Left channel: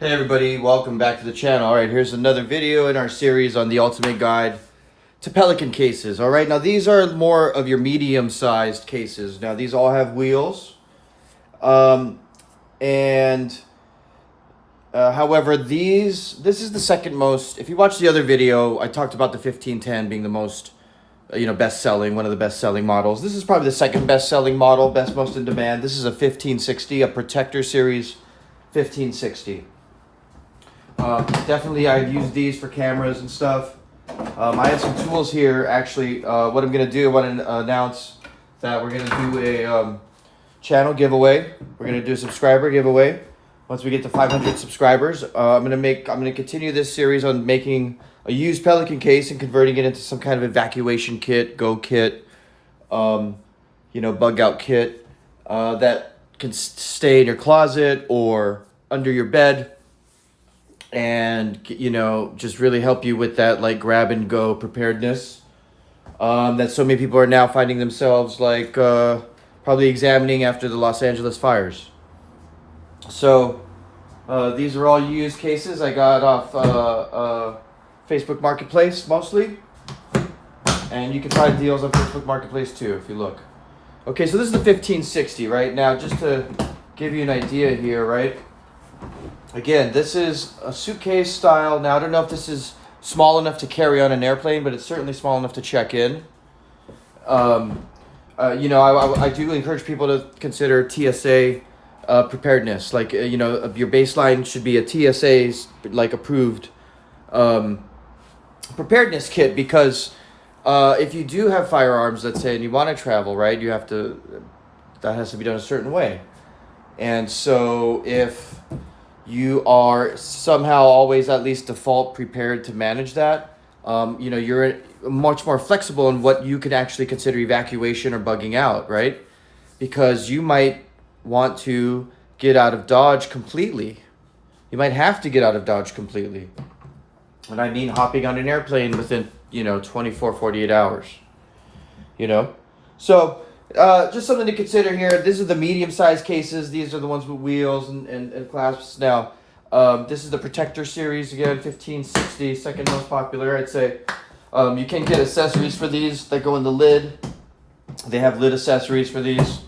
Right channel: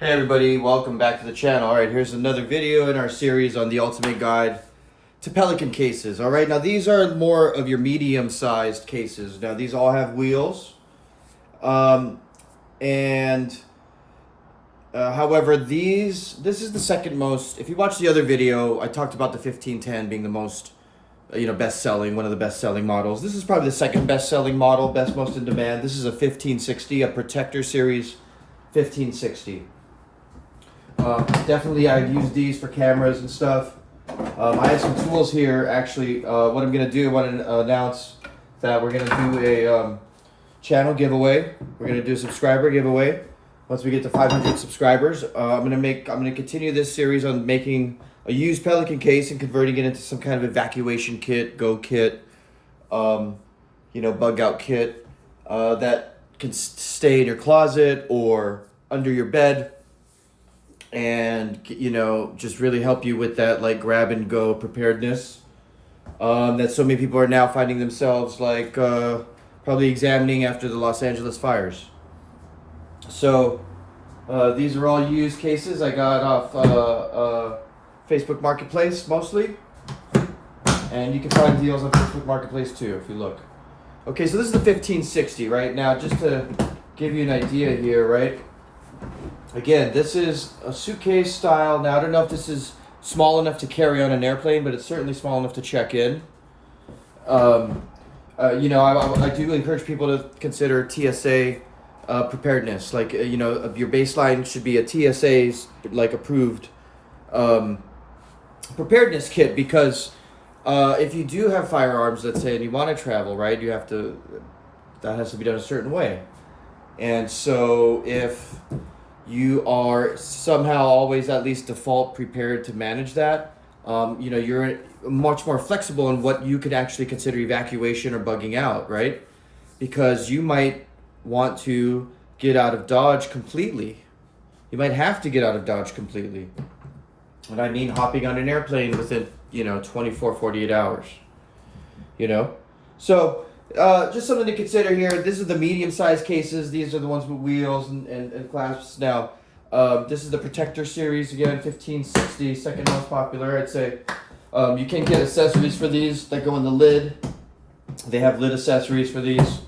Hey everybody, welcome back to the channel. Alright, here's another video in our series on the ultimate guide to Pelican cases. Alright, now these are more of your medium-sized cases. Now these all have wheels. However, this is the second most. If you watch the other video, I talked about the 1510 being the most, best-selling, one of the best-selling models. This is probably the second best-selling model, most in demand. This is a 1560, a Protector Series 1560. Definitely, I've used these for cameras and stuff. I have some tools here. Actually, what I'm gonna do, I want to announce that we're gonna do a channel giveaway. We're gonna do a subscriber giveaway. Once we get to 500 subscribers, I'm gonna continue this series on making a used Pelican case and converting it into some kind of evacuation kit, go kit, bug out kit that can stay in your closet or under your bed. And just really help you with that like grab and go preparedness that so many people are now finding themselves probably examining after the Los Angeles fires. So these are all used cases I got off Facebook Marketplace mostly, and you can find deals on Facebook Marketplace too if you look. Okay, so this is the 1560 right now, just to give you an idea here, right? Again, this is a suitcase style. Now, I don't know if this is small enough to carry on an airplane, but it's certainly small enough to check in. I do encourage people to consider TSA preparedness. Your baseline should be a TSA's approved preparedness kit, because if you do have firearms, let's say, and you want to travel, right, that has to be done a certain way. And so if you are somehow always at least default prepared to manage that, you're much more flexible in what you can actually consider evacuation or bugging out, right? Because you might want to get out of Dodge completely. You might have to get out of Dodge completely. And I mean hopping on an airplane within, 24, 48 hours. So just something to consider here. These are the medium-sized cases. These are the ones with wheels and clasps. Now, this is the Protector Series, again, 1560, second most popular, I'd say. You can get accessories for these that go in the lid. They have lid accessories for these,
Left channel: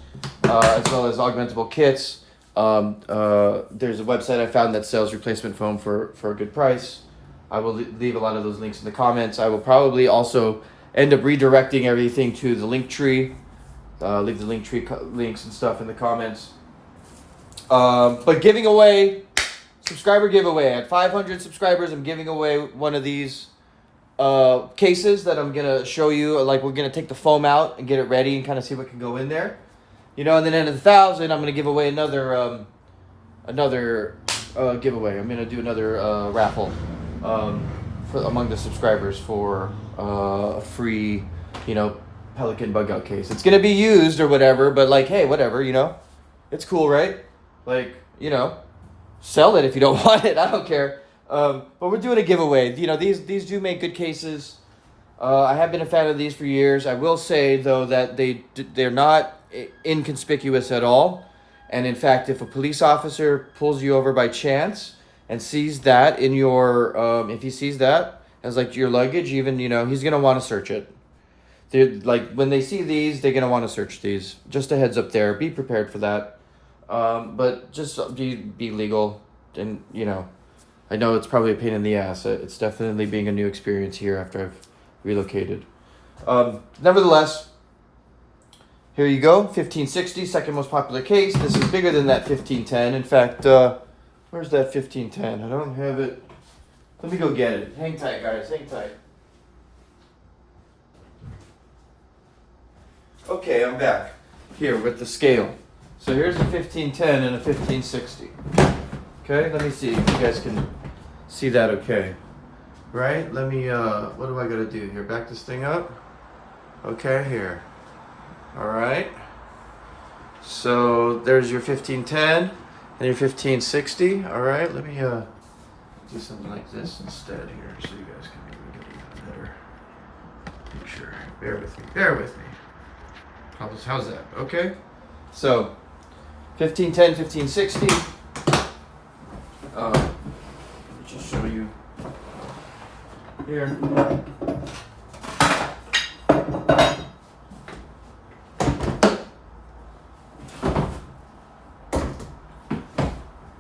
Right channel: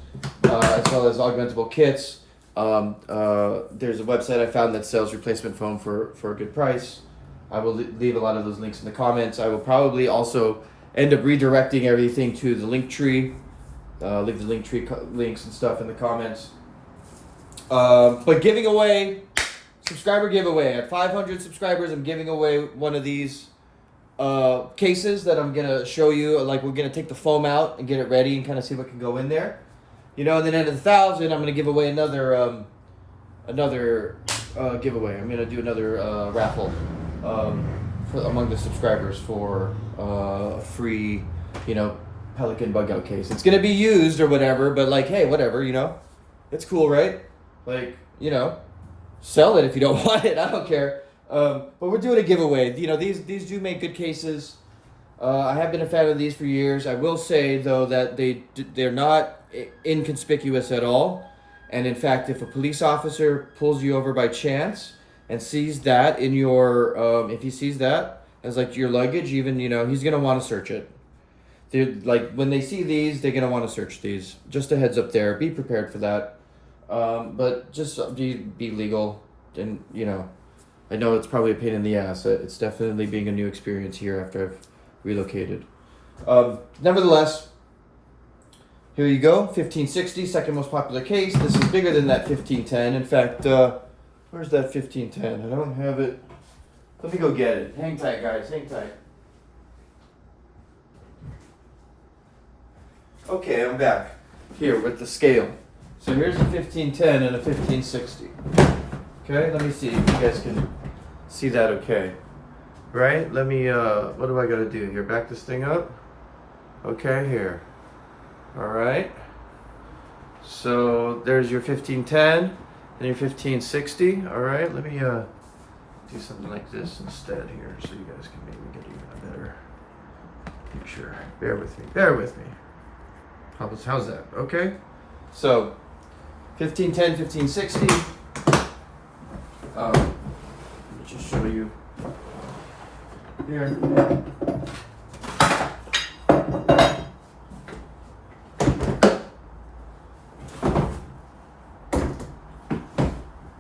as well as augmentable kits. There's a website I found that sells replacement foam for a good price. I will leave a lot of those links in the comments. I will probably also end up redirecting everything to the Linktree. Leave the Linktree links and stuff in the comments. But giving away, subscriber giveaway. At 500 subscribers, I'm giving away one of these cases that I'm going to show you. We're going to take the foam out and get it ready and kind of see what can go in there. And then at 1,000, I'm going to give away another giveaway. I'm going to do another raffle among the subscribers for a free, Pelican bug out case. It's gonna be used or whatever, but hey, whatever, it's cool, right? Sell it if you don't want it. I don't care. But we're doing a giveaway. These do make good cases. I have been a fan of these for years. I will say though that they're not inconspicuous at all. And in fact, if a police officer pulls you over by chance and sees that in your, if he sees that as your luggage, even he's gonna want to search it. When they see these, they're going to want to search these. Just a heads up there. Be prepared for that. But just be legal. And, I know it's probably a pain in the ass. It's definitely being a new experience here after I've relocated. Nevertheless, here you go. 1560, second most popular case. This is bigger than that 1510. In fact, where's that 1510? I don't have it. Let me go get it. Hang tight, guys. Hang tight. Okay, I'm back here with the scale. So here's a 1510 and a 1560. Okay, let me see if you guys can see that okay. Right, let me, what do I gotta do here? Back this thing up? Okay, here. All right. So there's your 1510 and your 1560. All right, let me do something like this instead here so you guys can maybe get a better picture. Bear with me, bear with me. How's that? Okay. So 1510, 1560. just show you here.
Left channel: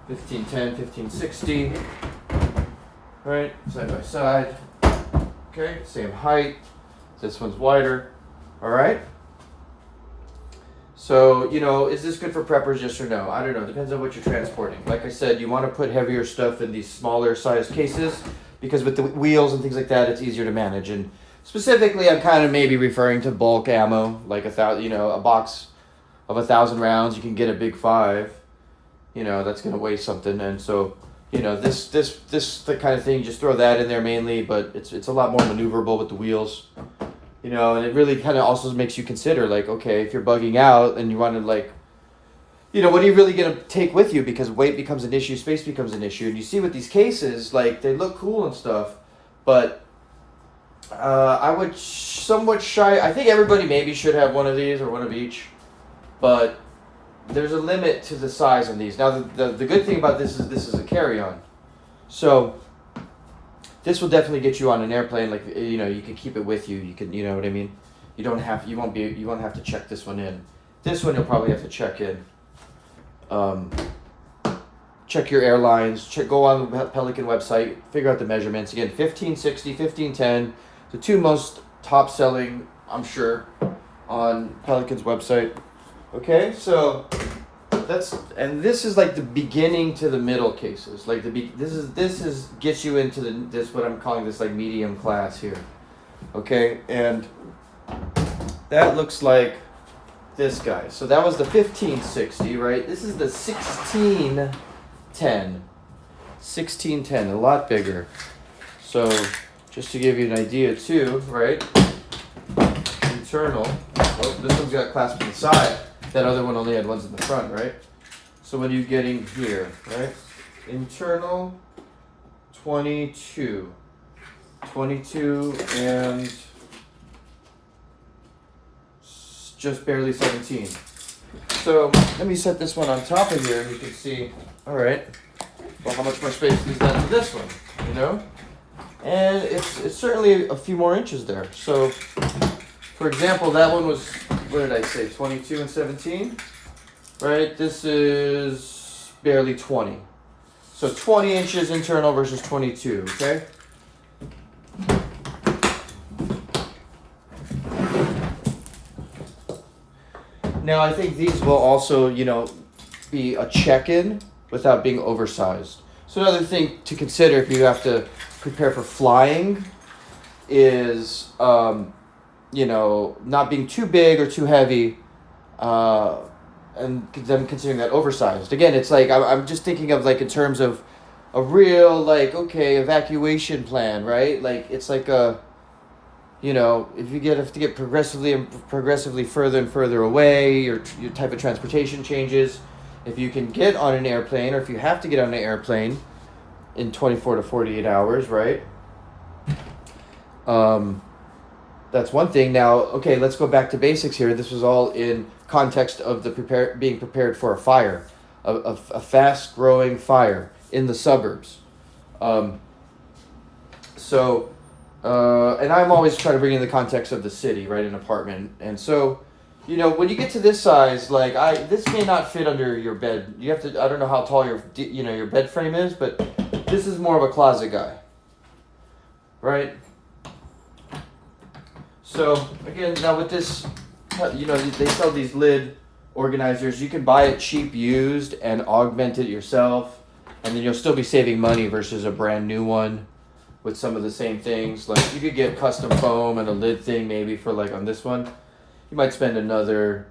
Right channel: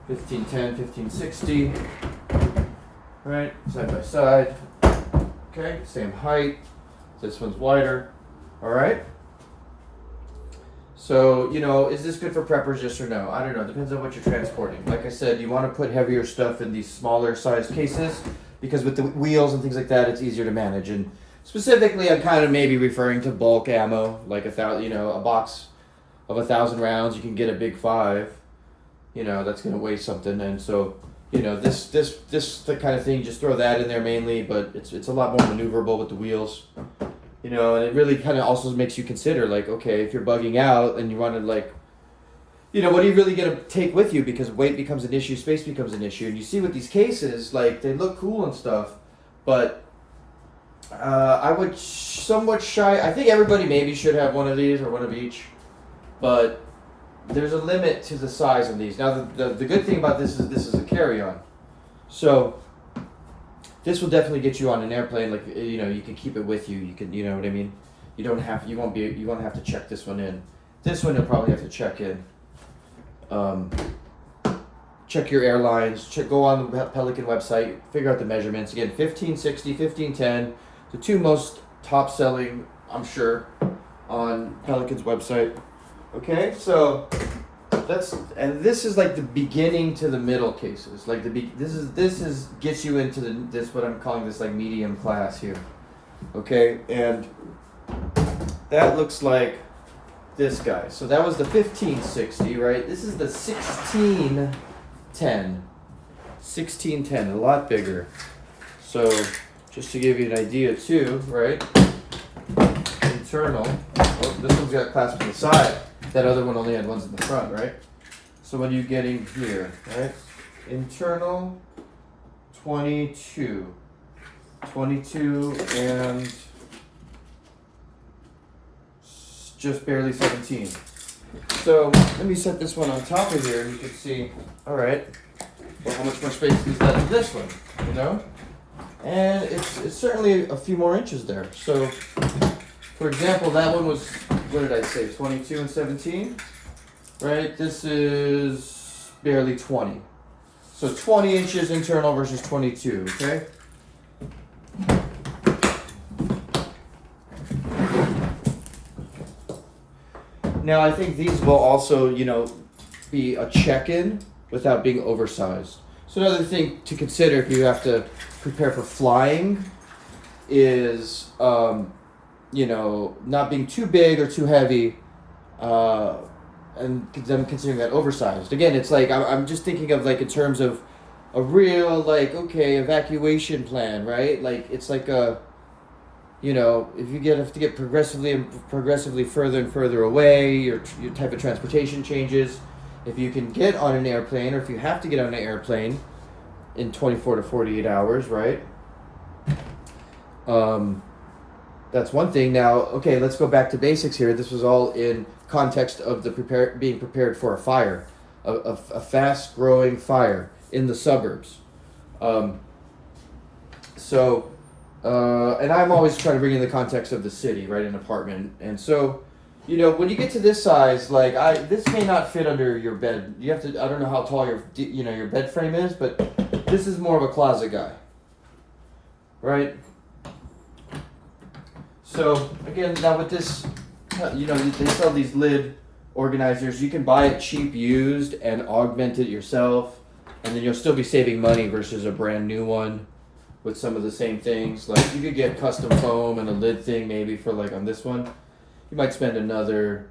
$15.10, $15.60. Right, side by side. Okay, same height. This one's wider. All right. So, you know, is this good for preppers, yes or no? I don't know. Depends on what you're transporting. Like I said, you want to put heavier stuff in these smaller sized cases because with the wheels and things like that, it's easier to manage. And specifically, I'm kind of maybe referring to bulk ammo, like a box of 1,000 rounds. You can get a big 5. You know, that's going to weigh something. And so, you know, this the kind of thing, just throw that in there mainly, but it's a lot more maneuverable with the wheels. You know, and it really kind of also makes you consider, like, okay, if you're bugging out and you want to, like, you know, what are you really going to take with you? Because weight becomes an issue, space becomes an issue. And you see with these cases, like, they look cool and stuff, but I would somewhat shy. I think everybody maybe should have one of these or one of each, but there's a limit to the size of these. Now, the good thing about this is a carry-on. So this will definitely get you on an airplane. Like, you know, you can keep it with you. You can, you know what I mean? You won't have to check this one in. This one you'll probably have to check in. Check your airlines. Go on the Pelican website. Figure out the measurements. Again, 1560, 1510. The two most top selling, I'm sure, on Pelican's website. Okay, so this is like the beginning to the middle cases. Like this is gets you into this what I'm calling this like medium class here. Okay, and that looks like this guy. So that was the 1560, right? This is the 1610. 1610, a lot bigger. So just to give you an idea too, right? Internal. Well, this one's got clasp on the side. That other one only had ones in the front, right? So what are you getting here, right? Internal, 22. 22 and just barely 17. So let me set this one on top of here and you can see, all right, well, how much more space is that to this one, you know? And it's certainly a few more inches there. So, for example, that one was, what did I say, 22 and 17? Right, this is barely 20. So 20 inches internal versus 22, okay? Now, I think these will also, you know, be a check-in without being oversized. So another thing to consider if you have to prepare for flying is, you know, not being too big or too heavy, and them considering that oversized. Again, it's like, I'm just thinking of like in terms of a real, like, okay, evacuation plan, right? Like, it's like a, you know, if you have to get progressively further and further away, your type of transportation changes. If you can get on an airplane, or if you have to get on an airplane in 24 to 48 hours, right? That's one thing. Now, okay, let's go back to basics here. This was all in context of being prepared for a fire, a fast-growing fire in the suburbs. And I'm always trying to bring in the context of the city, right, an apartment. And so, you know, when you get to this size, like this may not fit under your bed. You have to, I don't know how tall your bed frame is, but this is more of a closet guy, right? So again, now with this, you know, they sell these lid organizers. You can buy it cheap used and augment it yourself, and then you'll still be saving money versus a brand new one with some of the same things. Like you could get custom foam and a lid thing maybe for like on this one. You might spend another,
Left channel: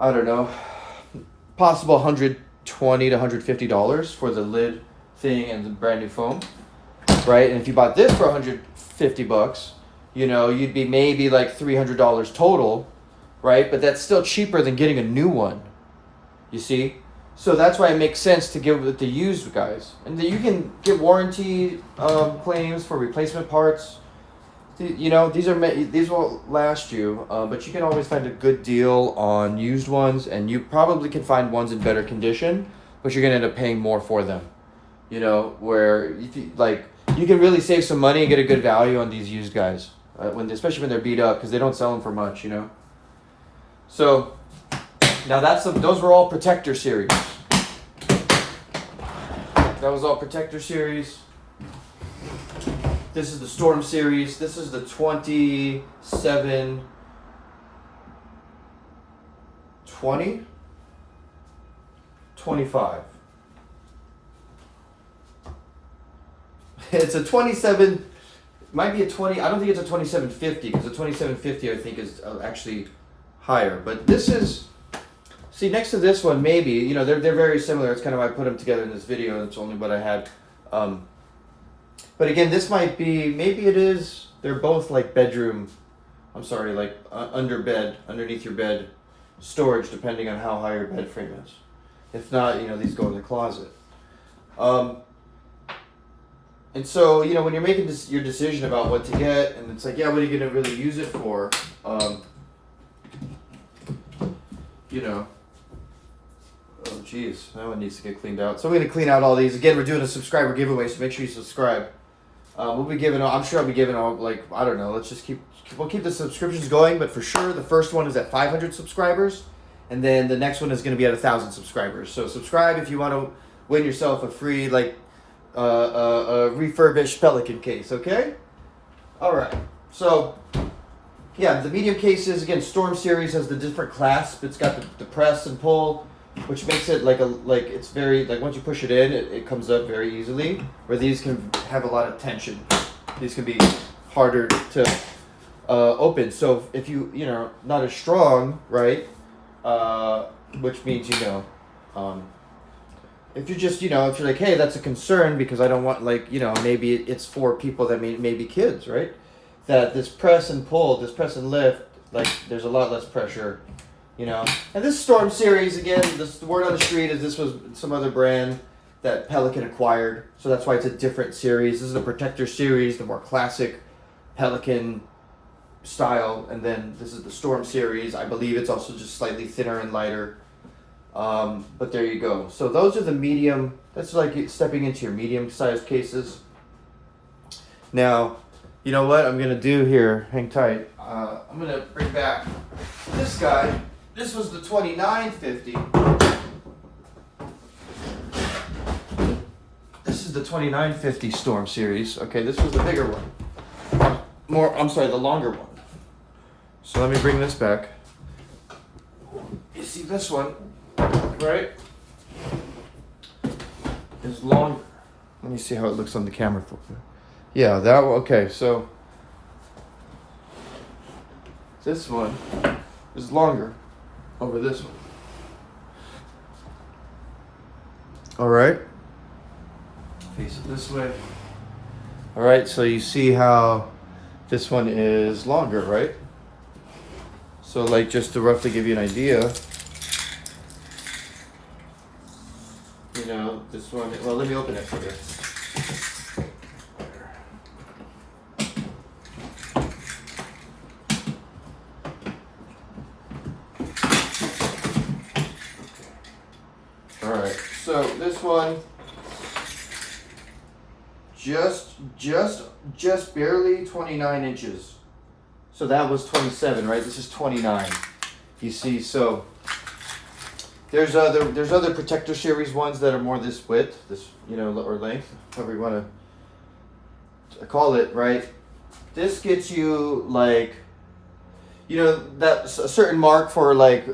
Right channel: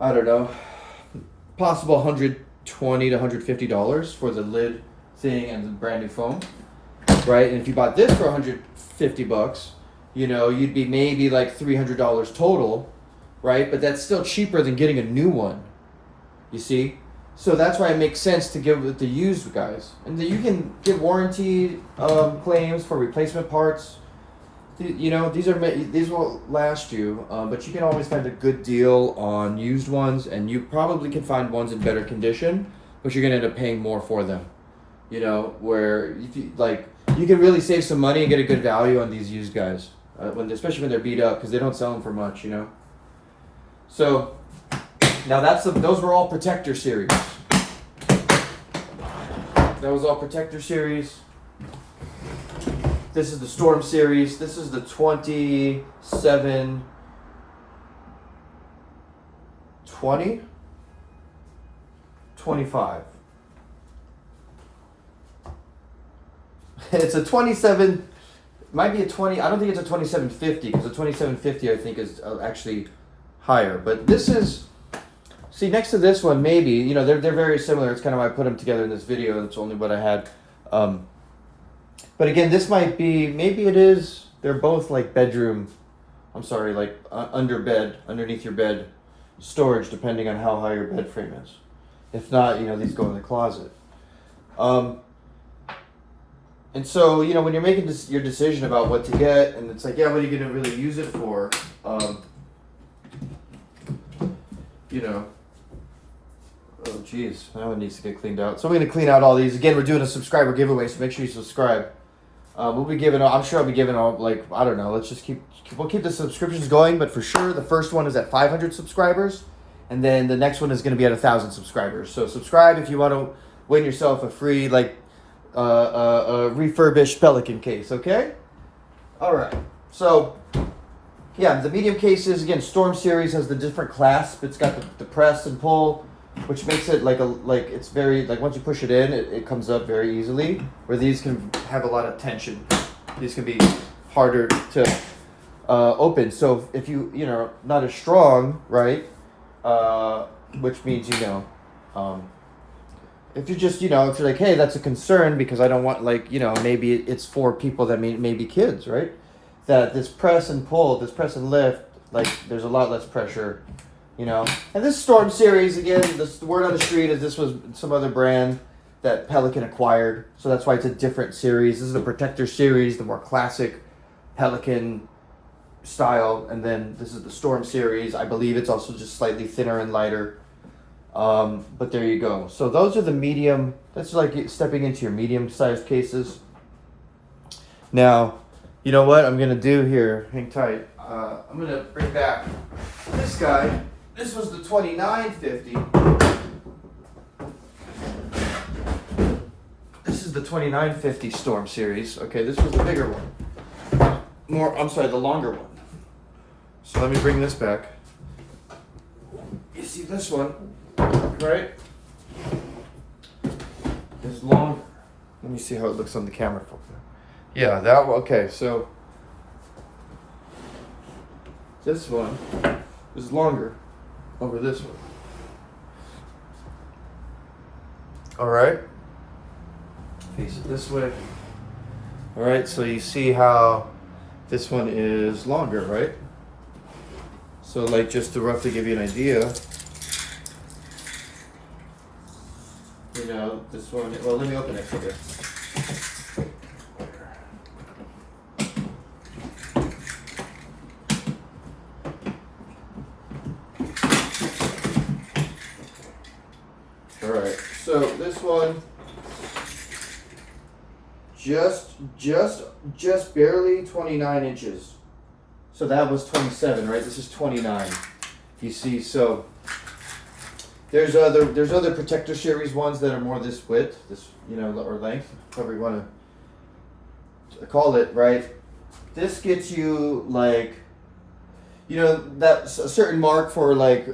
I don't know, possible $120 to $150 for the lid thing and the brand new foam, right? And if you bought this for $150, you know, you'd be maybe like $300 total, right? But that's still cheaper than getting a new one, you see? So that's why it makes sense to get with the used guys. And you can get warranty claims for replacement parts. You know, these will last you, but you can always find a good deal on used ones, and you probably can find ones in better condition, but you're going to end up paying more for them. you know, where if you, like, you can really save some money and get a good value on these used guys, especially when they're beat up, because they don't sell them for much, you know. So now those were all Protector series. That was all Protector series. This is the Storm series. This is the 27 20 25. It's a 27, might be a 20, I don't think it's a 2750, because the 2750 I think is actually higher. But this is, see, next to this one, maybe, you know, they're very similar. It's kind of why I put them together in this video. That's only what I had. But again, this might be, maybe it is, they're both like bedroom, I'm sorry, like under bed, underneath your bed storage, depending on how high your bed frame is. If not, you know, these go in the closet. And so, you know, when you're making your decision about what to get, and it's like, yeah, what are you going to really use it for? You know, oh geez, that one needs to get cleaned out. So I'm going to clean out all these. Again, we're doing a subscriber giveaway, so make sure you subscribe. We'll be giving, I'm sure I'll be giving all, like, I don't know, let's just we'll keep the subscriptions going, but for sure the first one is at 500 subscribers, and then the next one is going to be at 1,000 subscribers. So subscribe if you want to win yourself a free, like, a refurbished Pelican case, okay? All right. So, yeah, the medium cases, again, Storm series has the different clasp. It's got the press and pull, which makes it like it's very, like, once you push it in, it comes up very easily, where these can have a lot of tension. These can be harder to open. So if you know, not as strong, right, which means, you know, if you're just, you know, if you're like, hey, that's a concern because I don't want, like, you know, maybe it's for people that maybe kids, right? That this press and pull, this press and lift, like, there's a lot less pressure, you know. And this Storm series, again, the word on the street is this was some other brand that Pelican acquired. So that's why it's a different series. This is the Protector series, the more classic Pelican style. And then this is the Storm series. I believe it's also just slightly thinner and lighter. But there you go. So those are the medium, that's like stepping into your medium sized cases. Now, you know what I'm going to do here? Hang tight. I'm going to bring back this guy. This was the 2950. This is the 2950 Storm series. Okay, this was the bigger one. The longer one. So let me bring this back. You see this one? Right? Is longer. Let me see how it looks on the camera. Yeah, that one. Okay, so this one is longer over this one. All right. Face it this way. All right, so you see how this one is longer, right? So, like, just to give you an idea. You know, this one, well, let me open it for you. All right, so this one, just barely 29 inches. So that was 27, right? This is 29. You see, so there's other Protector series ones that are more this width, this, you know, or length, however you want to call it, right? This gets you, like, you know, that's a certain mark for, like,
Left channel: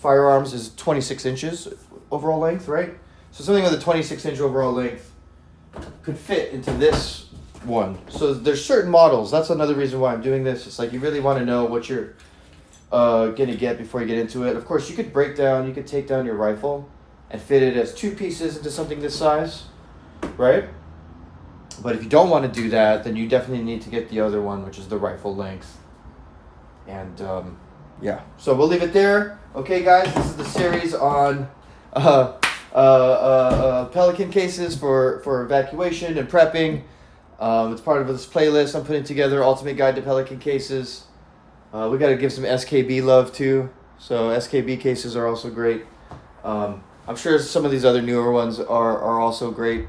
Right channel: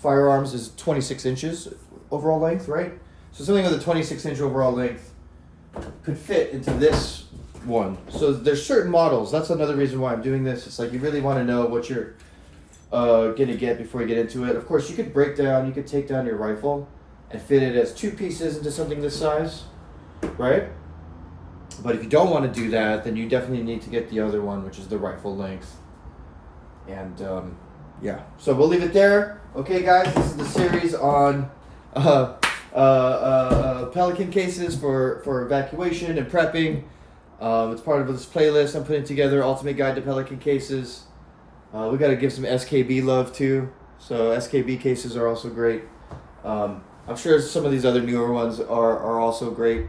firearms is 26 inches overall length, right? So something with a 26-inch overall length could fit into this one. So there's certain models. That's another reason why I'm doing this. It's like you really want to know what you're gonna get before you get into it. Of course, you could take down your rifle and fit it as two pieces into something this size, right? But if you don't want to do that, then you definitely need to get the other one, which is the rifle length. And yeah, so we'll leave it there. Okay, guys, this is the series on Pelican cases for evacuation and prepping. It's part of this playlist I'm putting together, Ultimate Guide to Pelican Cases. We got to give some SKB love too. So SKB cases are also great. I'm sure some of these other newer ones are also great.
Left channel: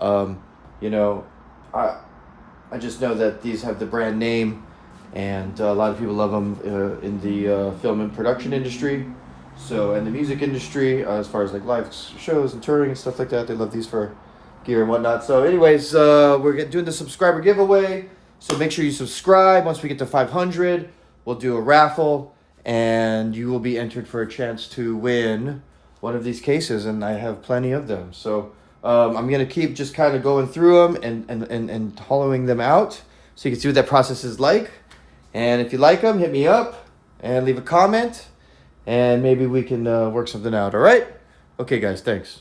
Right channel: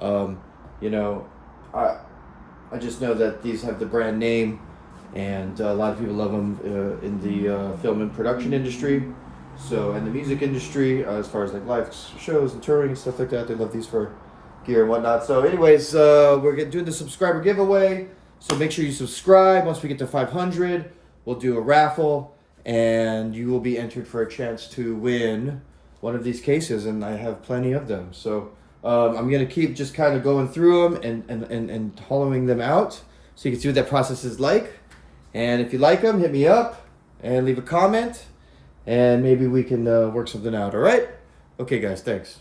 You know, I just know that these have the brand name, and a lot of people love them in the film and production industry. So, and the music industry, as far as like live shows and touring and stuff like that, they love these for gear and whatnot. So, anyways, we're doing the subscriber giveaway. So make sure you subscribe. Once we get to 500, we'll do a raffle, and you will be entered for a chance to win one of these cases, and I have plenty of them. So I'm going to keep just kind of going through them and hollowing them out so you can see what that process is like. And if you like them, hit me up and leave a comment, and maybe we can work something out. All right? Okay, guys, thanks.